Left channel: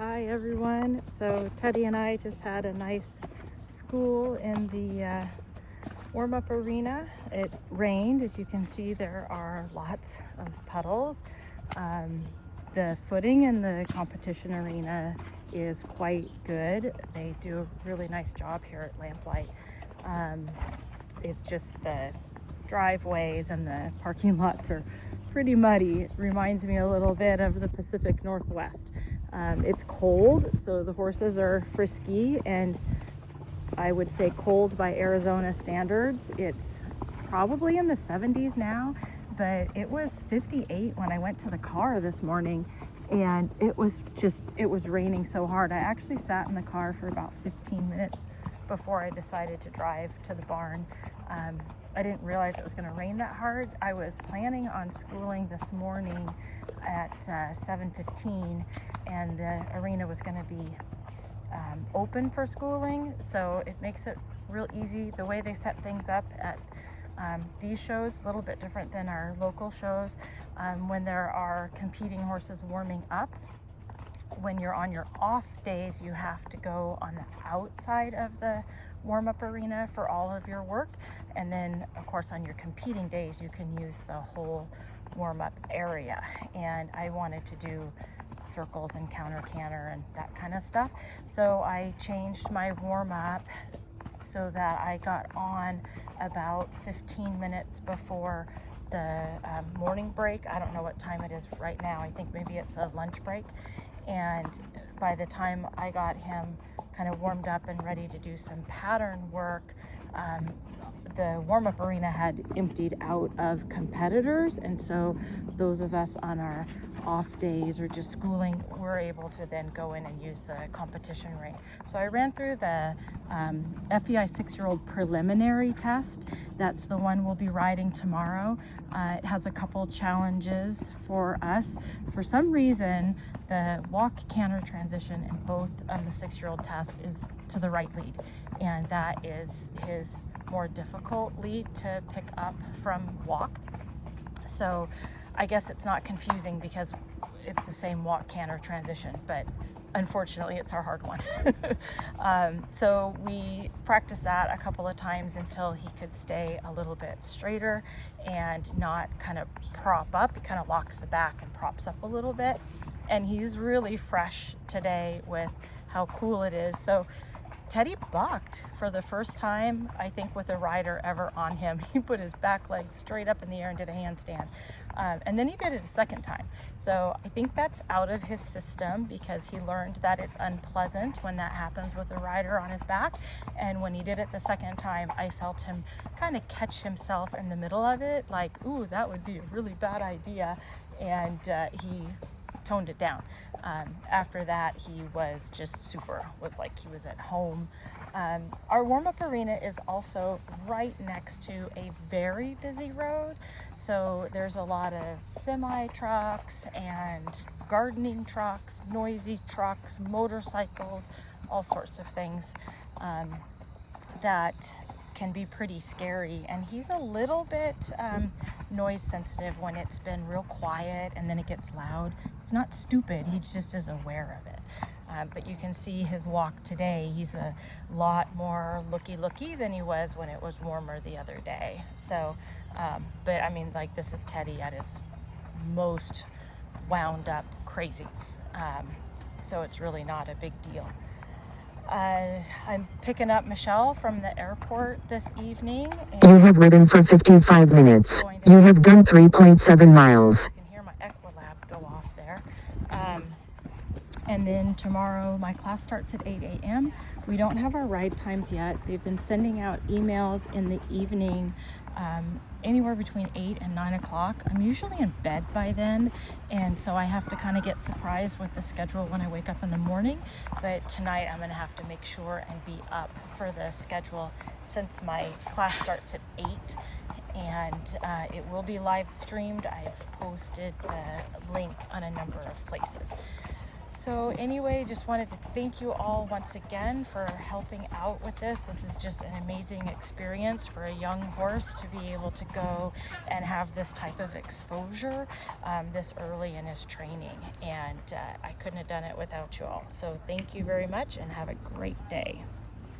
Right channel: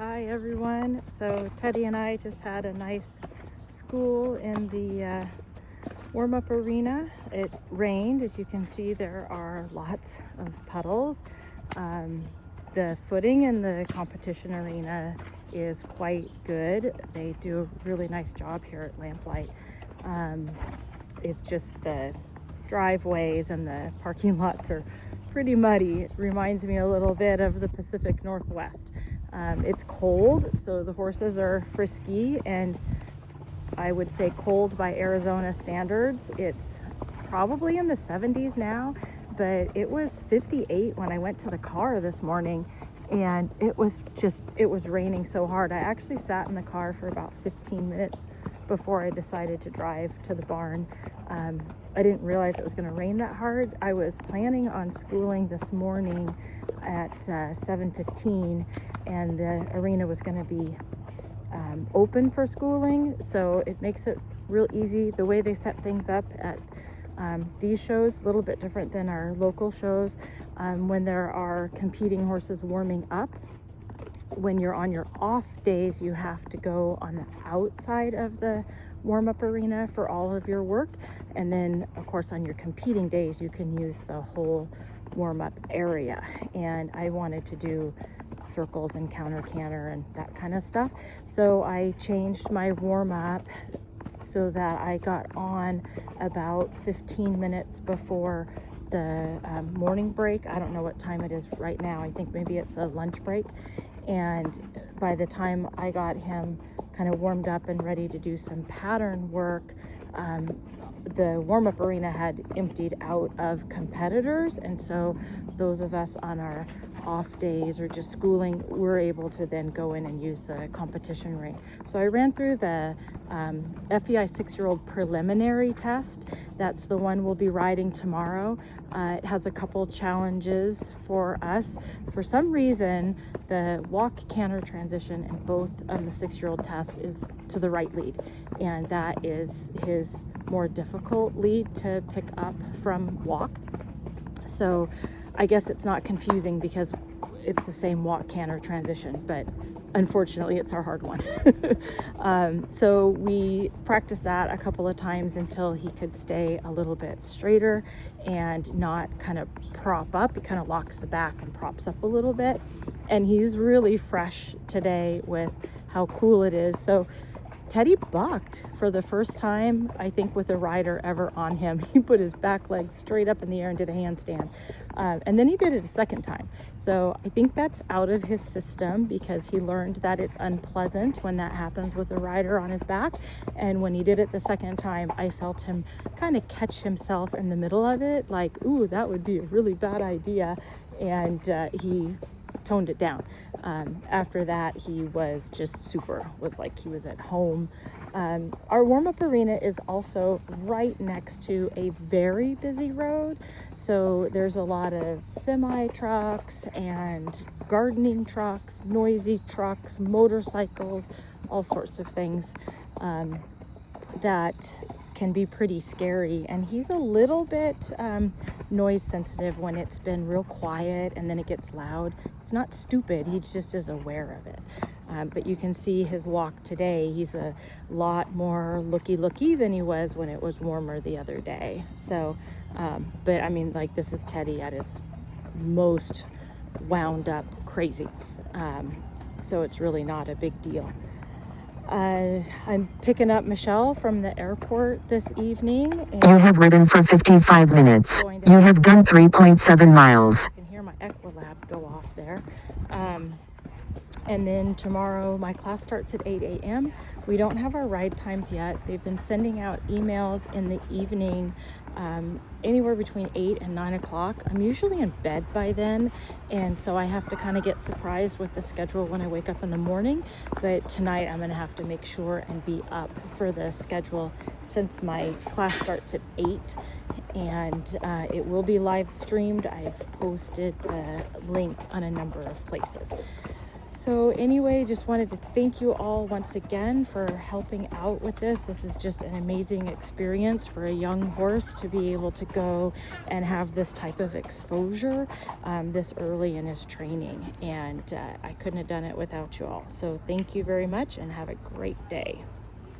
Hi everyone. So Teddy and I just had a nice school in the warm-up arena. It rained. As you can see, there are lots of puddles. The footing in the competition arena is quite good. They do a really nice job here at Lamplight. It's just the driveways and the parking lots are pretty muddy. It reminds me a little bit of the Pacific Northwest. It's cold, so the horses are frisky, and I would say cold by Arizona standards. It's probably in the 70s now, but it was 58 when I went to the car this morning, and it was raining so hard. I actually sat in the car for about 15 minutes before I decided to drive to the barn. I didn't realize it was going to rain that hard. I was planning on schooling this morning at 7:15, and the arena was going to be open for schooling, so it makes it real easy. The way they set things up at these shows, a little bit different than our local shows. When there are competing horses warming up, when you're on your off days, you have to go on the outside of the warm-up arena for all of your work, and then of course on your competing days you can use the whole warm-up area. And I wanted to do circles and counter canter and that kind of stuff, so I changed my warm-up so that I got on about 15 minutes before the morning break. I don't know what time it is right now. I think maybe it's a lunch break. And by the time I got him kind of warmed up and ready to do some pattern work, the warm-up arena had emptied out of competitors, and so those of us on our off days or just schooling, we were able to then go in and use the competition ring. So I ran through the FEI 6-year-old preliminary test. That's the one we'll be riding tomorrow. It has a couple challenges for us. For some reason, the walk canter transition in both of the 6-year-old tests is to the right lead, and that is his more difficult lead to pick up from walk. So I guess it's not confusing because it's the same walk canter transition, but unfortunately it's a hard one. So we practiced that a couple of times until he could stay a little bit straighter and not kind of prop up. It kind of locks the back and props up a little bit. And he's really fresh today with how cool it is. So Teddy bucked for the first time, I think, with a rider ever on him. He put his back leg straight up in the air and did a handstand. And then he did it a second time. So I think that's out of his system because he learned that it's unpleasant when that happens with a rider on his back. And when he did it the second time, I felt him kind of catch himself in the middle of it, like, ooh, that would be a really bad idea. And he toned it down. After that, he was just super, looked like he was at home. Our warm-up arena is also right next to a very busy road. So there's a lot of semi trucks and gardening trucks, noisy trucks, motorcycles, all sorts of things that can be pretty scary. And he's a little bit noise sensitive when it's been real quiet and then it gets loud. It's not stupid, he just is aware of it. But you can see his walk today. He's a lot more looky than he was when it was warmer the other day. So, but I mean, like, this is Teddy at his most wound up crazy. So it's really not a big deal. I'm picking up Michelle from the airport this evening. You have ridden for 55 minutes. You have done 3.7 miles. You can hear my echo lab go off there. And then tomorrow my class starts at 8 a.m. We don't have our ride times yet. They've been sending out emails in the evening, anywhere between 8 and 9 o'clock. I'm usually in bed by then, and so I have to kind of get surprised with the schedule when I wake up in the morning. But tonight I'm going to have to make sure and be up for the schedule since my class starts at 8, and it will be live streamed. I've posted a link on a number of places. So anyway, just wanted to thank you all once again for helping out with this. This is just an amazing experience for a young horse to be able to go and have this type of exposure this early in his training. And I couldn't have done it without you all. So thank you very much and have a great day.